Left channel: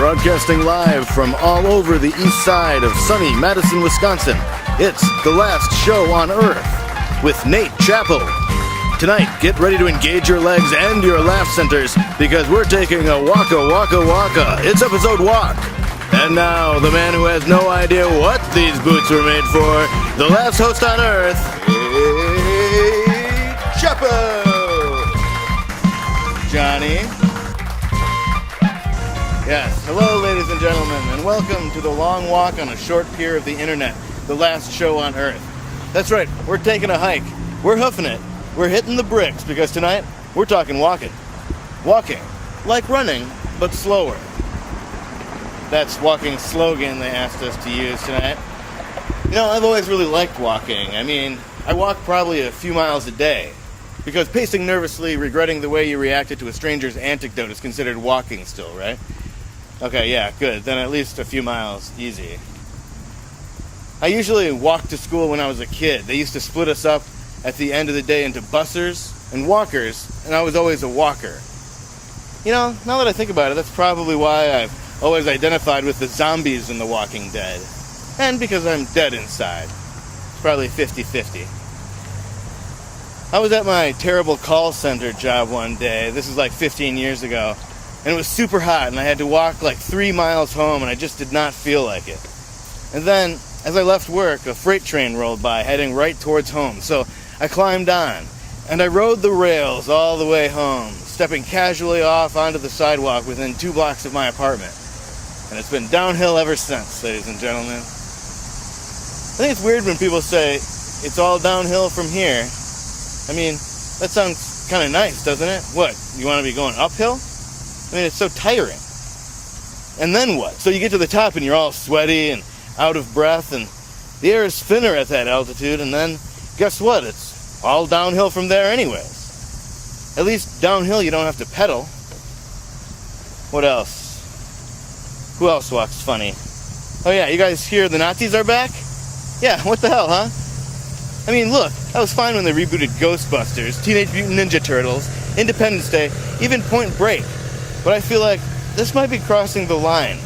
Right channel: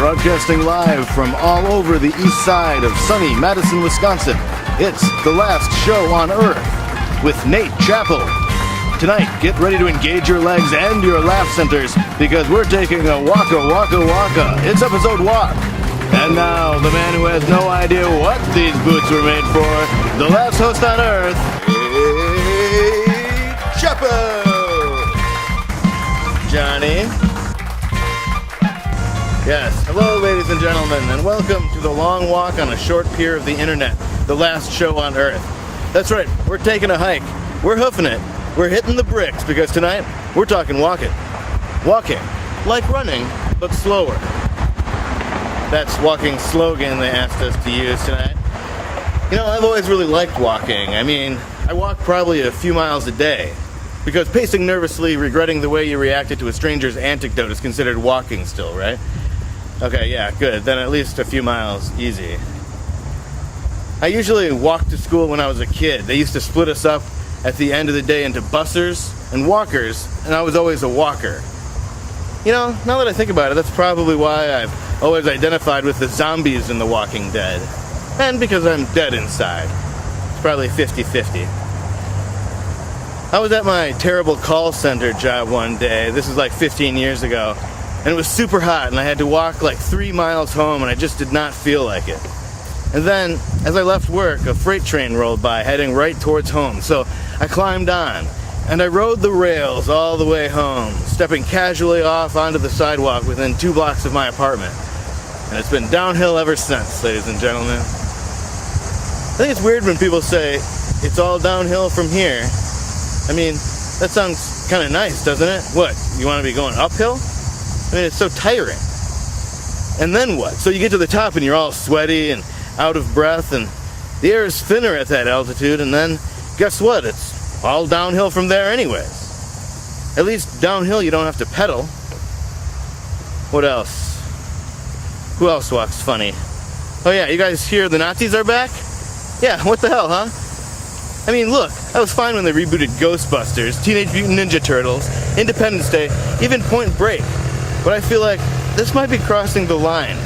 Broadcasting live from all over the east side of sunny Madison, Wisconsin. It's The Last Show on Earth with Nate Chappell. Tonight, get ready to engage your legs and your laugh centers because we're taking a waka. It's episode walk. And now, the man who has no idea what these boots were made for, the last host on Earth, Nate Chappell. Johnny. Yes, hello ladies and gentlemen, and welcome to the long walk on a short pier of the internet, the last show on Earth. That's right, we're taking a hike. We're hoofing it. We're hitting the bricks because tonight we're talking walking. Walking, like running, but slower. That's walking slogan they asked us to use tonight. You know, I've always really liked walking. I mean, I walk probably a few miles a day because pacing nervously, regretting the way you reacted to a stranger's anecdote is considered walking still, right? Okay, yeah, good. Then at least a few miles, easy. I usually walked to school when I was a kid. They used to split us up at the end of the day into bussers and walkers, and I was always a walker. You know, now that I think about it, that's probably why I've always identified with the zombies in The Walking Dead. And because I'm dead inside. It's probably 50-50. I was at my terrible call center job one day. This is like 15 years ago. And it was super hot, and I had to walk like 3 miles home, and I just did not feel like it. And then, as I left work, a freight train rolled by, heading right towards home. So I climbed on, and I rode the rails all the way home, stepping casually off onto the sidewalk within 2 blocks of my apartment. And it's been downhill ever since, ladies and gentlemen. I think it's weird when people say, it's all downhill from here. I mean, that sounds kind of nice, doesn't it? What, you want to be going uphill? I mean, it's so tiring. And then what? So you get to the top and you're all sweaty and out of breath and the air is thinner at that altitude, and then guess what? It's all downhill from there anyways. At least downhill you don't have to pedal. What else? Who else walks funny? Oh yeah, you guys hear the Nazis are back? Yeah, what the hell, huh? I mean, look, that was fine when they rebooted Ghostbusters, Teenage Mutant Ninja Turtles, Independence Day, even Point Break. But I feel like this might be crossing the line.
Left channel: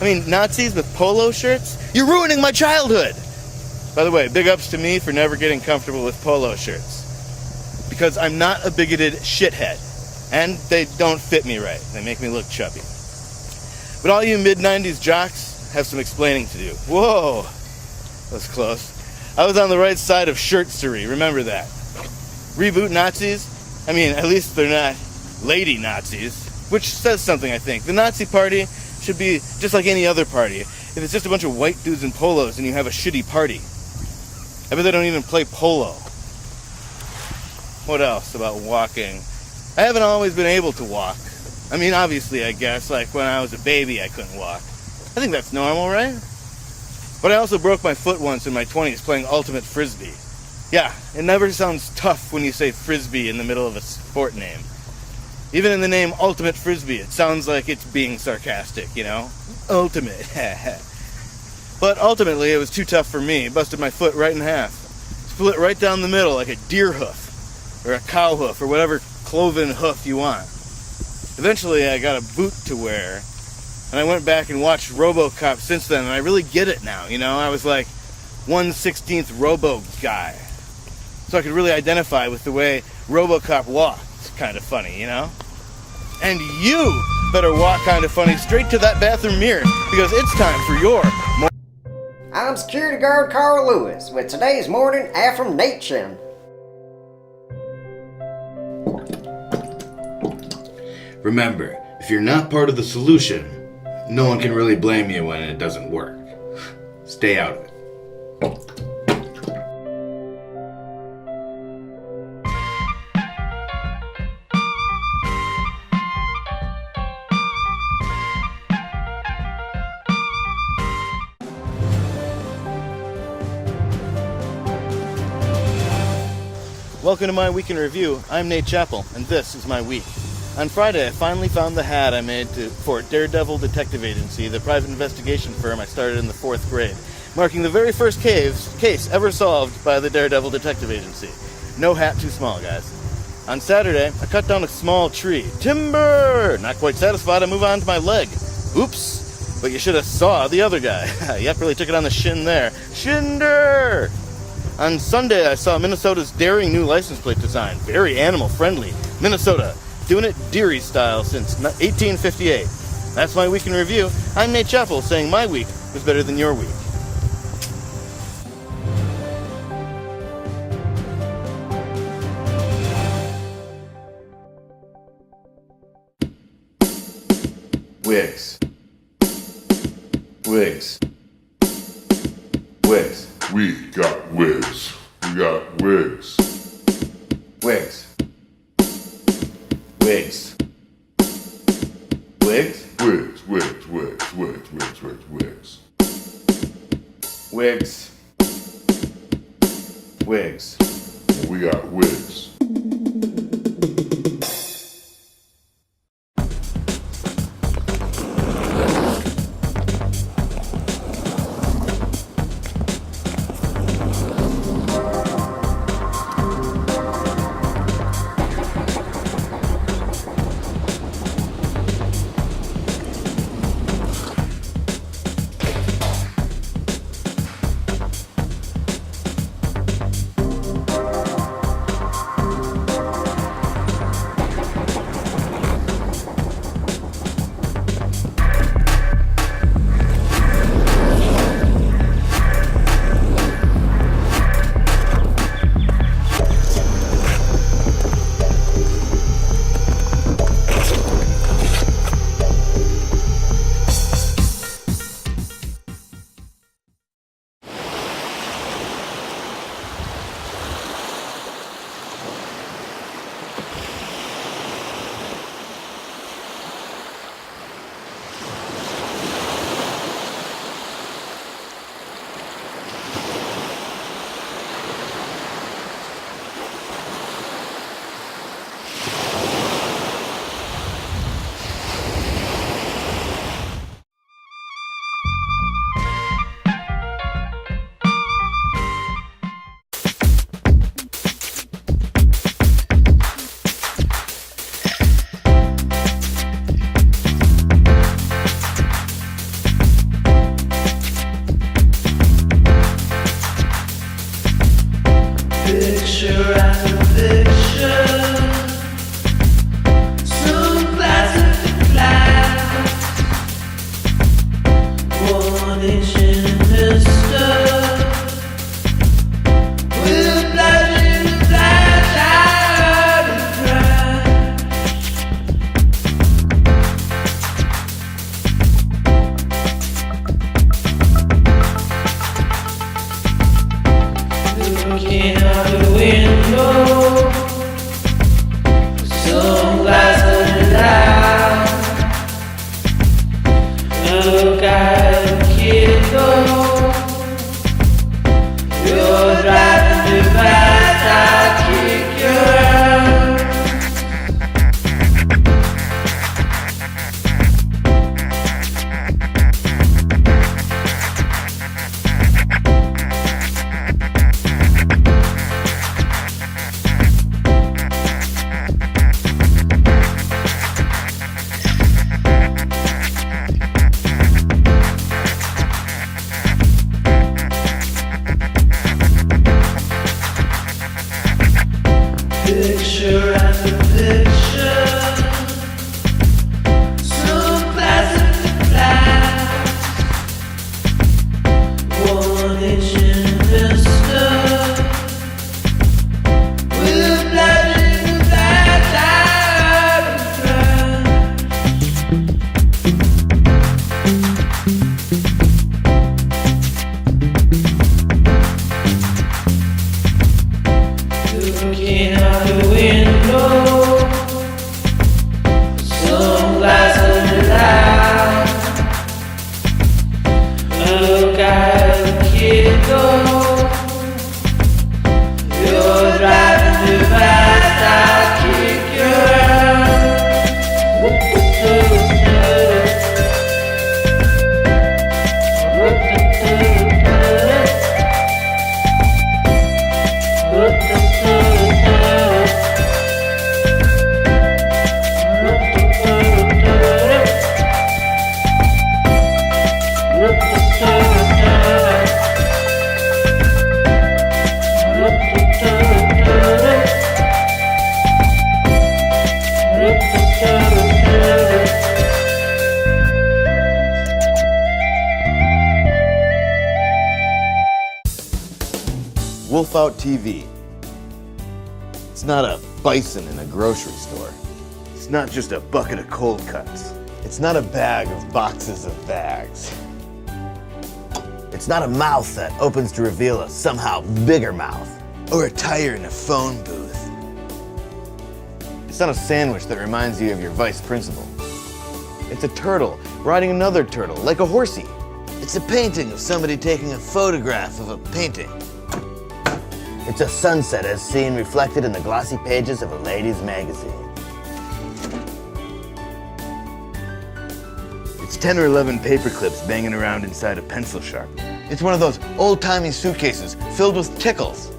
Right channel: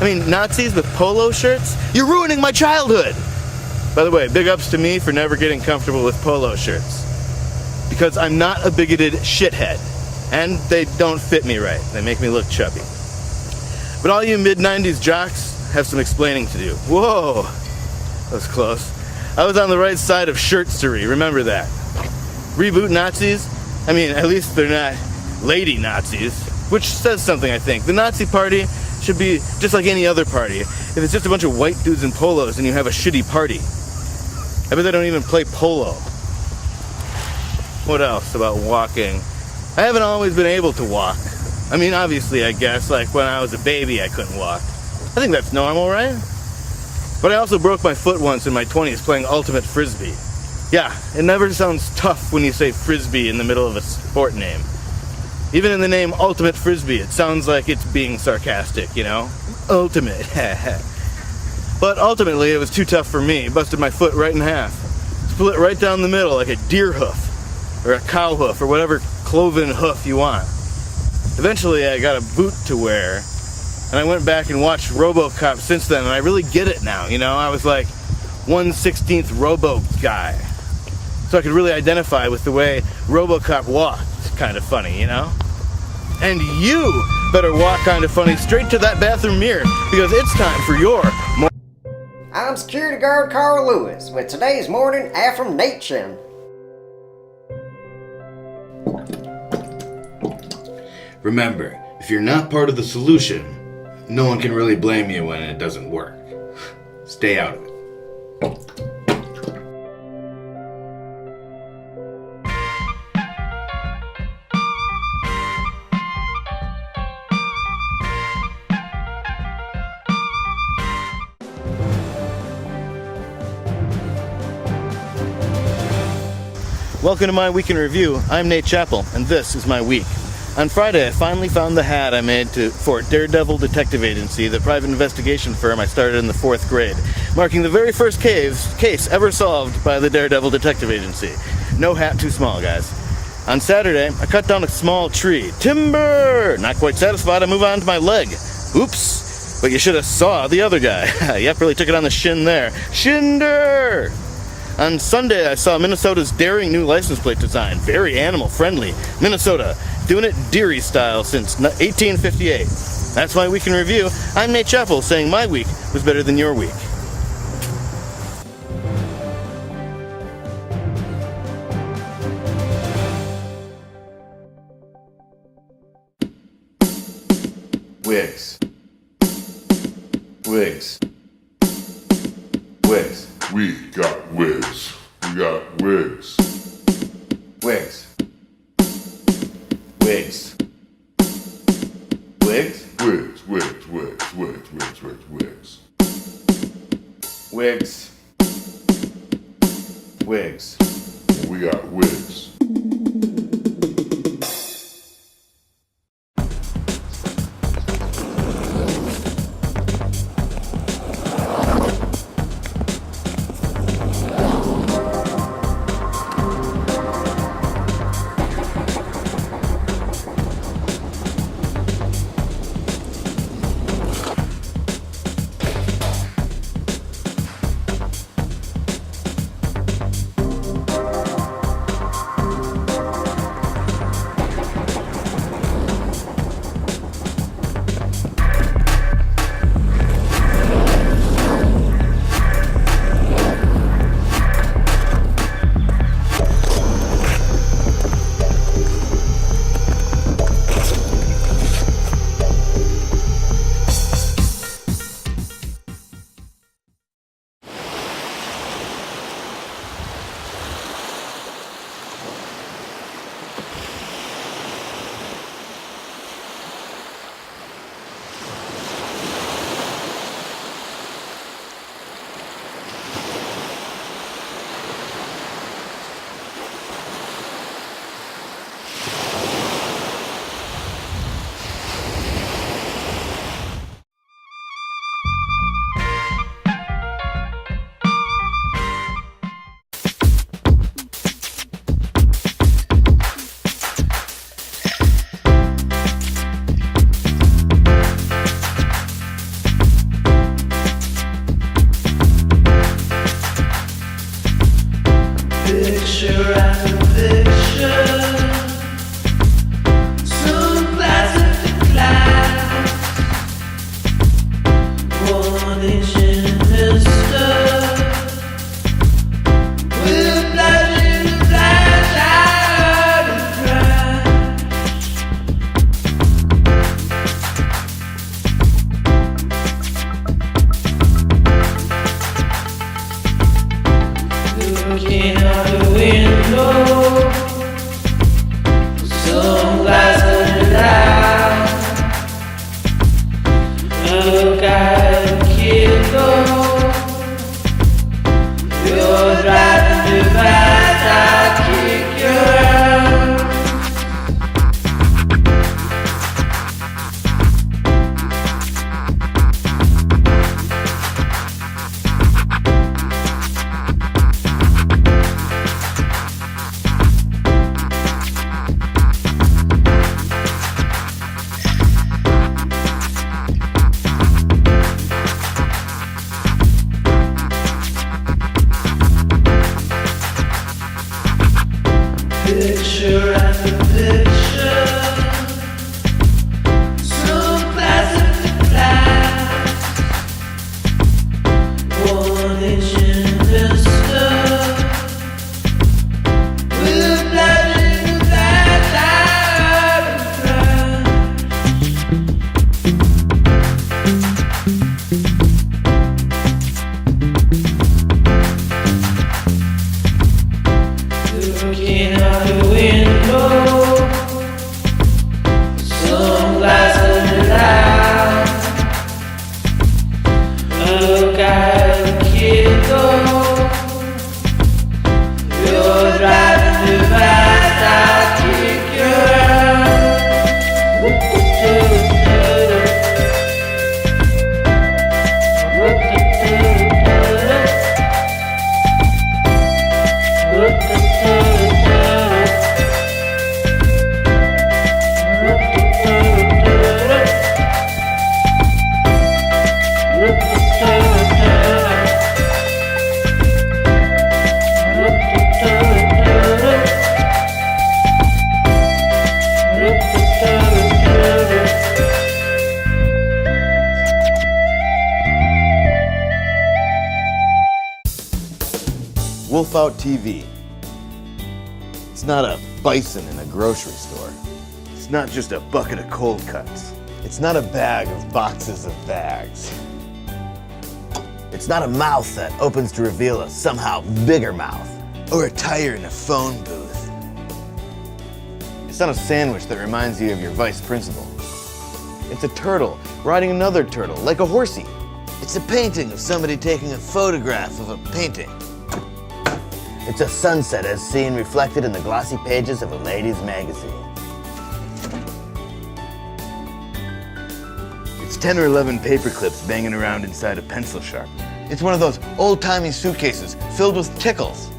I mean, Nazis with polo shirts? You're ruining my childhood! By the way, big ups to me for never getting comfortable with polo shirts. Because I'm not a bigoted shithead. And they don't fit me right. They make me look chubby. But all you mid-90s jocks have some explaining to do. Whoa! That was close. I was on the right side of shirtstery, remember that. Reboot Nazis? I mean, at least they're not lady Nazis. Which says something, I think. The Nazi party should be just like any other party. If it's just a bunch of white dudes in polos and you have a shitty party. I bet they don't even play polo. What else about walking? I haven't always been able to walk. I mean, obviously, I guess, like when I was a baby, I couldn't walk. I think that's normal, right? But I also broke my foot once in my 20s playing ultimate frisbee. Yeah, it never sounds tough when you say frisbee in the middle of a sport name. Even in the name Ultimate Frisbee, it sounds like it's being sarcastic, you know? Ultimate. But ultimately, it was too tough for me. It busted my foot right in half. Split right down the middle like a deer hoof, or a cow hoof, or whatever cloven hoof you want. Eventually, I got a boot to wear, and I went back and watched RoboCop since then, and I really get it now, you know? I was like 1/16th Robo guy. So I could really identify with the way RoboCop walked. It's kind of funny, you know? And you better walk kind of funny straight to that bathroom mirror because it's time for your... I'm security guard Carl Lewis with today's morning affirmation. Remember, if you're not part of the solution, no one can really blame you when it doesn't work. Stay out of it. Welcome to my week in review. I'm Nate Chappell, and this is my week. On Friday, I finally found the hat I made for Daredevil Detective Agency, the private investigation firm I started in the 4th grade, marking the very first case ever solved by the Daredevil Detective Agency. No hat too small, guys. On Saturday, I cut down a small tree. Timber! Not quite satisfied, I move on to my leg. Oops, but you should have saw the other guy. Yep, really took it on the shin there. Shinder! On Sunday, I saw Minnesota's daring new license plate design. Very animal friendly. Minnesota, doing it Deary style since 1858. That's my week in review. I'm Nate Chappell, saying my week was better than your week. Wigs. Wigs. Wigs. We got wigs. We got wigs. Wigs. Wigs. Wigs? Wigs, wigs, wigs, wigs, wigs, wigs, wigs. Wigs. Wigs. We got wigs. Wolf Out TV. It's not a bison in a grocery store. It's not just a bucket of cold cuts. It's not a bag of boxes of bags. It's not a mouth that opens to reveal a somehow bigger mouth, or a tire in a phone booth. It's not a sandwich that reminds you of your vice principal. It's a turtle riding another turtle, like a horsey. It's a painting of somebody taking a photograph of a painting. It's a sunset as seen reflected in the glossy pages of a ladies' magazine. It's 10 or 11 paper clips banging around inside a pencil sharpener. It's one of those old-timey suitcases filled with tickles.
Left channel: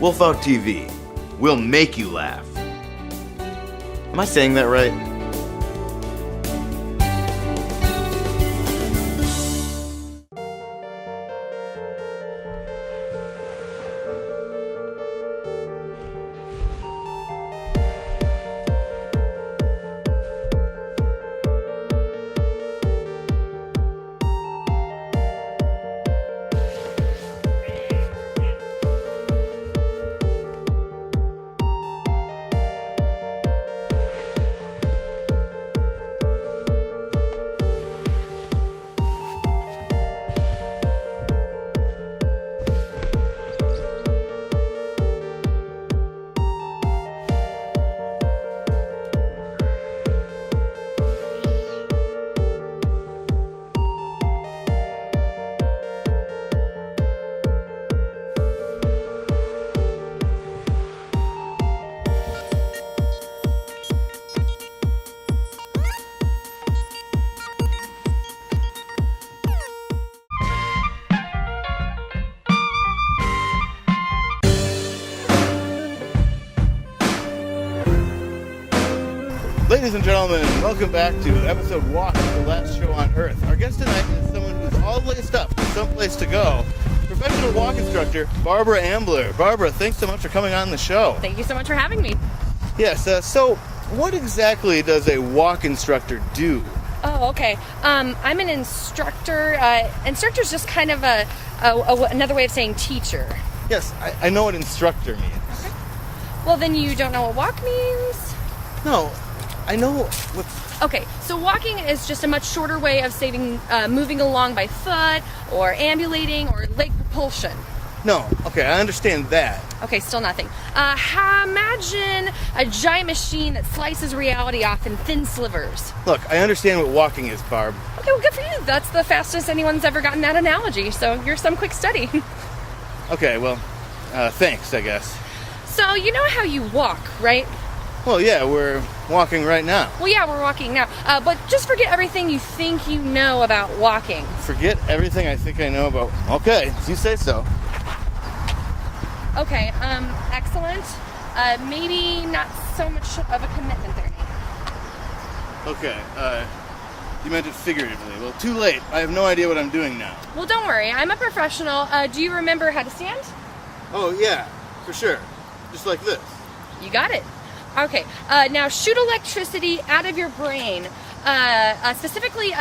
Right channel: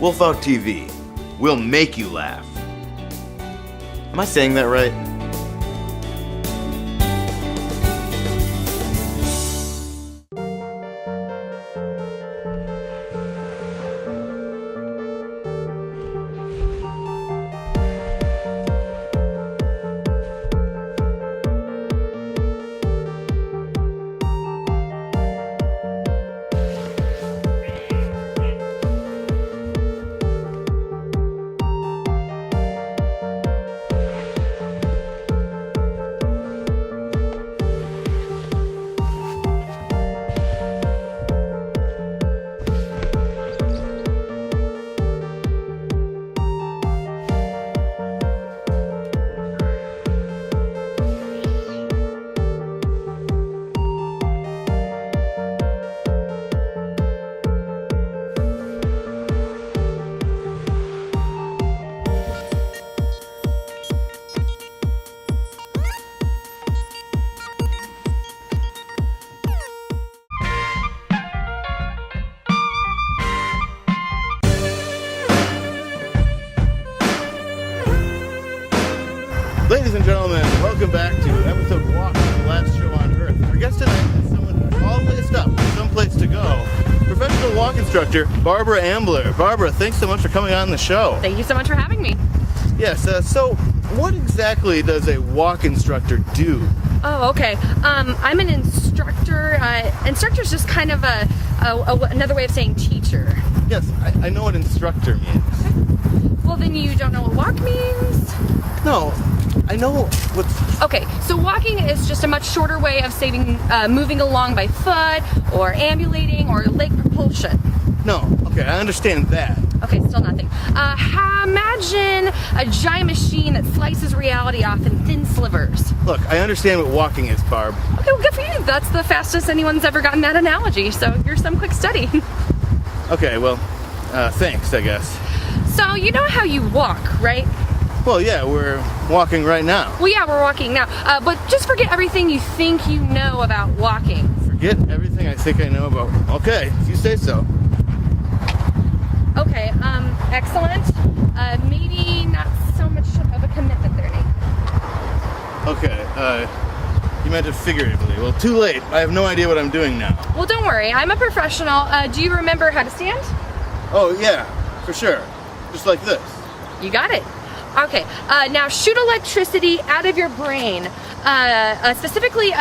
Wolf Out TV. We'll make you laugh. Am I saying that right? Ladies and gentlemen, welcome back to episode 1 of the last show on Earth. Our guest tonight is someone who's all laced up, someplace to go. Professional walk instructor, Barbara Ambler. Barbara, thanks so much for coming on the show. Thank you so much for having me. Yes, so what exactly does a walk instructor do? Oh, okay. I'm an instructor. Instructor's just kind of another way of saying teacher. Yes, I know what instructor means. Okay. Well, then you don't know what walk means? No, I know what... Okay, so walking is just a much shorter way of moving along by foot, or ambulating, or leg propulsion. No, okay, I understand that. Okay, still nothing. Imagine a giant machine that slices reality off in thin slivers. Look, I understand what walking is, Barb. Okay, well, good for you. That's the fastest anyone's ever gotten that analogy, so you're some quick study. Okay, well, thanks, I guess. So, you know how you walk, right? Well, yeah, we're walking right now. Well, yeah, we're walking now. But just forget everything you think you know about walking. Forget everything I think I know about... Okay, if you say so. Okay, excellent. Maybe not so much of a commitment there, Nate. Okay, you meant it figuratively. Well, too late. I have no idea what I'm doing now. Well, don't worry. I'm a professional. Do you remember how to stand? Oh, yeah, for sure. Just like this. You got it. Okay, now shoot electricity out of your brain, specifically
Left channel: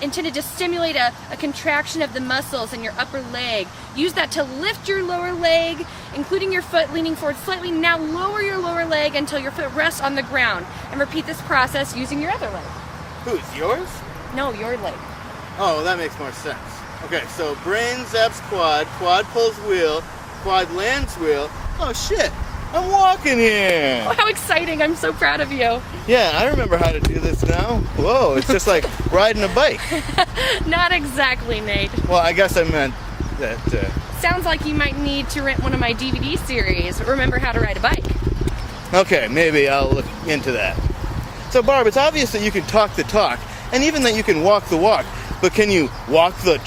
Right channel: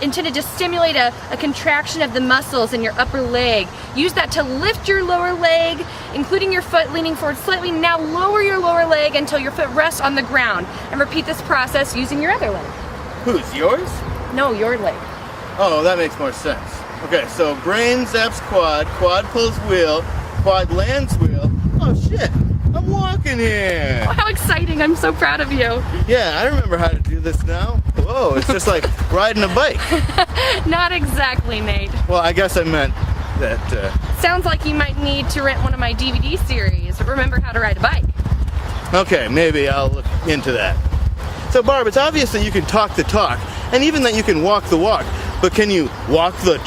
intended to stimulate a contraction of the muscles in your upper leg. Use that to lift your lower leg, including your foot leaning forward slightly. Now lower your lower leg until your foot rests on the ground, and repeat this process using your other leg. Whose, yours? No, your leg. Oh, that makes more sense. Okay, so brain zaps quad, quad pulls wheel, quad lands wheel. Oh shit! I'm walking here! Oh, how exciting! I'm so proud of you. Yeah, I remember how to do this now. Whoa, it's just like riding a bike. Not exactly, Nate. Well, I guess I meant that, Sounds like you might need to rent one of my DVD series, Remember How to Ride a Bike. Okay, maybe I'll look into that. So, Barb, it's obvious that you can talk the talk, and even that you can walk the walk, but can you walk the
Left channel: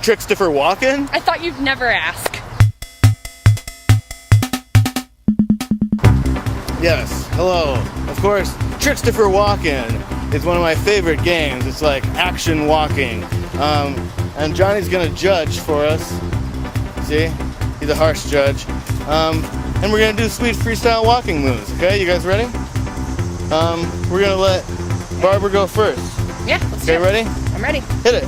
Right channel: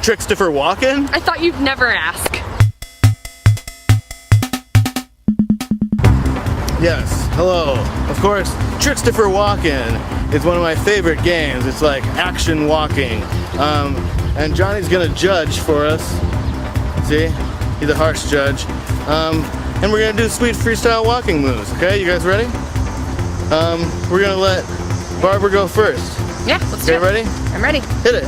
trickster walking? I thought you'd never ask. Yes, hello. Of course, Trickster Walking is one of my favorite games. It's like action walking. And Johnny's gonna judge for us. See? He's a harsh judge. And we're gonna do sweet freestyle walking moves, okay? You guys ready? We're gonna let Barbara go first. Yeah, let's do it. Okay, ready? I'm ready. Hit it.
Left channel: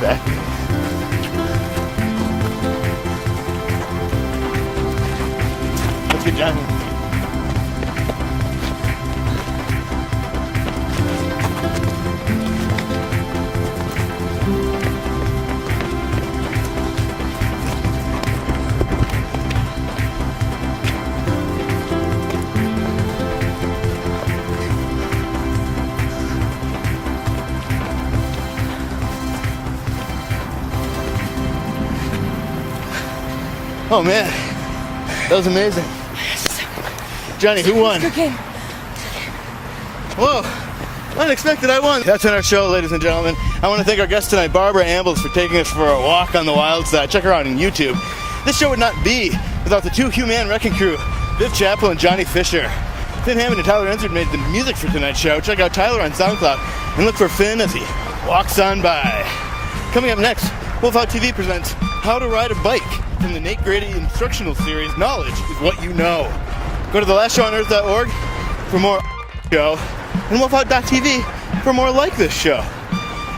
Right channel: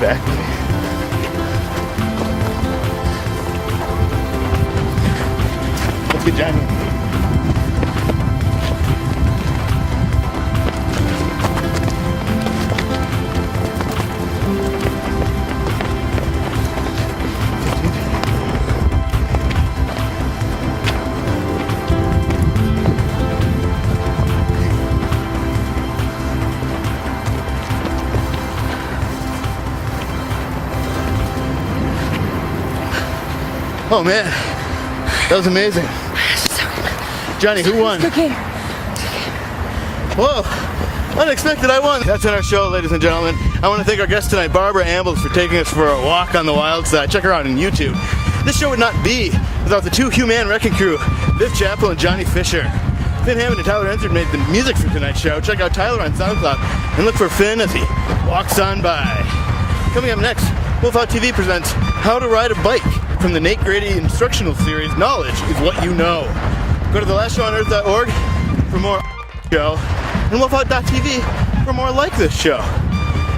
back. Good job. Oh man, that was amazing. Johnny, who won? Okay. Whoa, unexpected, I won. That's in our show, ladies and gentlemen. I want to thank our guest tonight, Barbara Ambles, for taking us for a walk on the wild side. Check her out on YouTube. This show would not be without the two Human Wrecking Crew, Viv Chappell and Johnny Fisher. Finn Hammond and Tyler Ensert made the music for tonight's show. Check out Tyler on SoundCloud and look for Finn as he walks on by. Coming up next, Wolfhound TV presents How to Ride a Bike from the Nate Grady instructional series, Knowledge is What You Know. Go to thelastshowonEarth.org for more show, and wolfhound.tv for more like this show.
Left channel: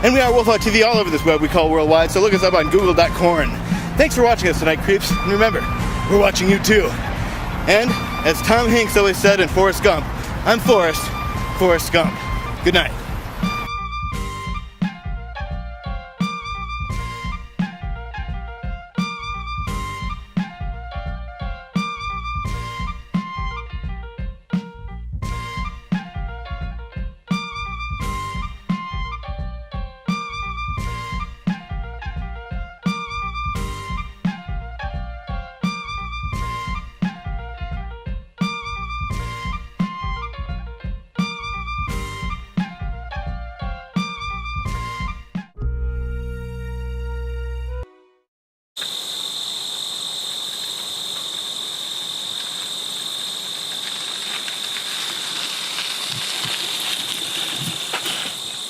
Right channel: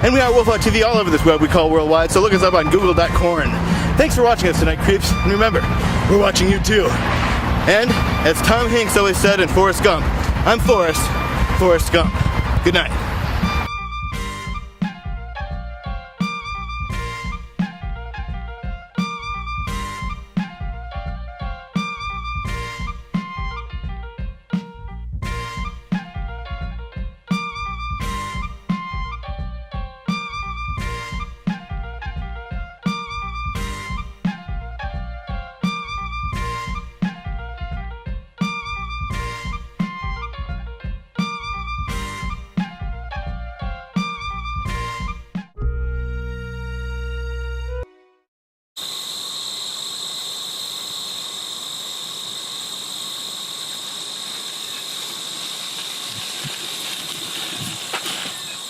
And we are Wolfhound TV all over this web we call worldwide, so look us up on google.com. Thanks for watching us tonight, creeps, and remember, we're watching you too. And, as Tom Hanks always said in Forrest Gump, I'm Forrest Gump. Good night.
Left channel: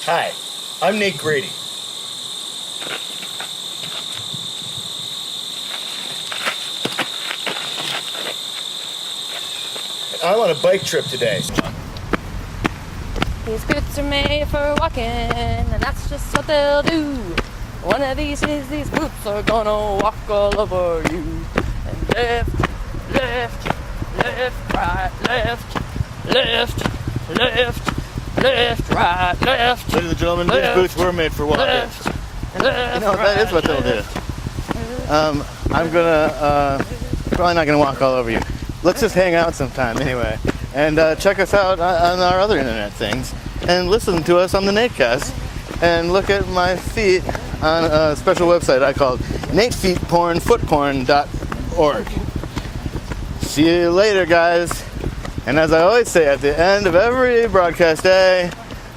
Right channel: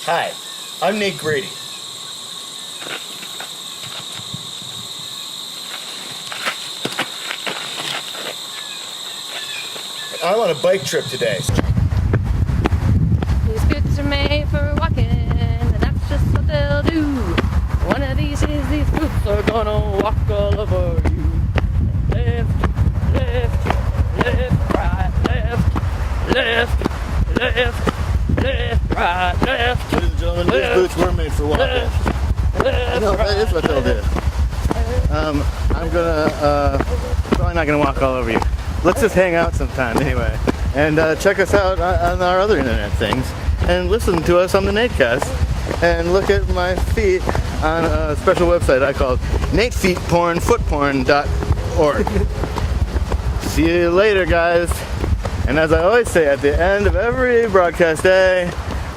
Hi, I'm Nate Grady. I'm on a bike trip today. These boots are made for walking, and that's just what they'll do. One of these days, these boots are gonna walk all over you. And left, left, left, right, left, left, left, left, right, left. Ladies and gentlemen, these boots were made for walking. You know, that is what they'll do. I'm gonna, probably not gonna walk all over you. Let's just hang out sometime anyway. And check us out on our other internet things. And listen to us on the Natecast. And look at my feet on a special website I called NateFeetPornFootPorn.org. See you later, guys. And as I always say at the end of every broadcast day,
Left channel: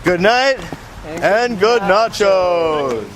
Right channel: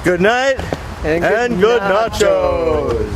good night and good nachos.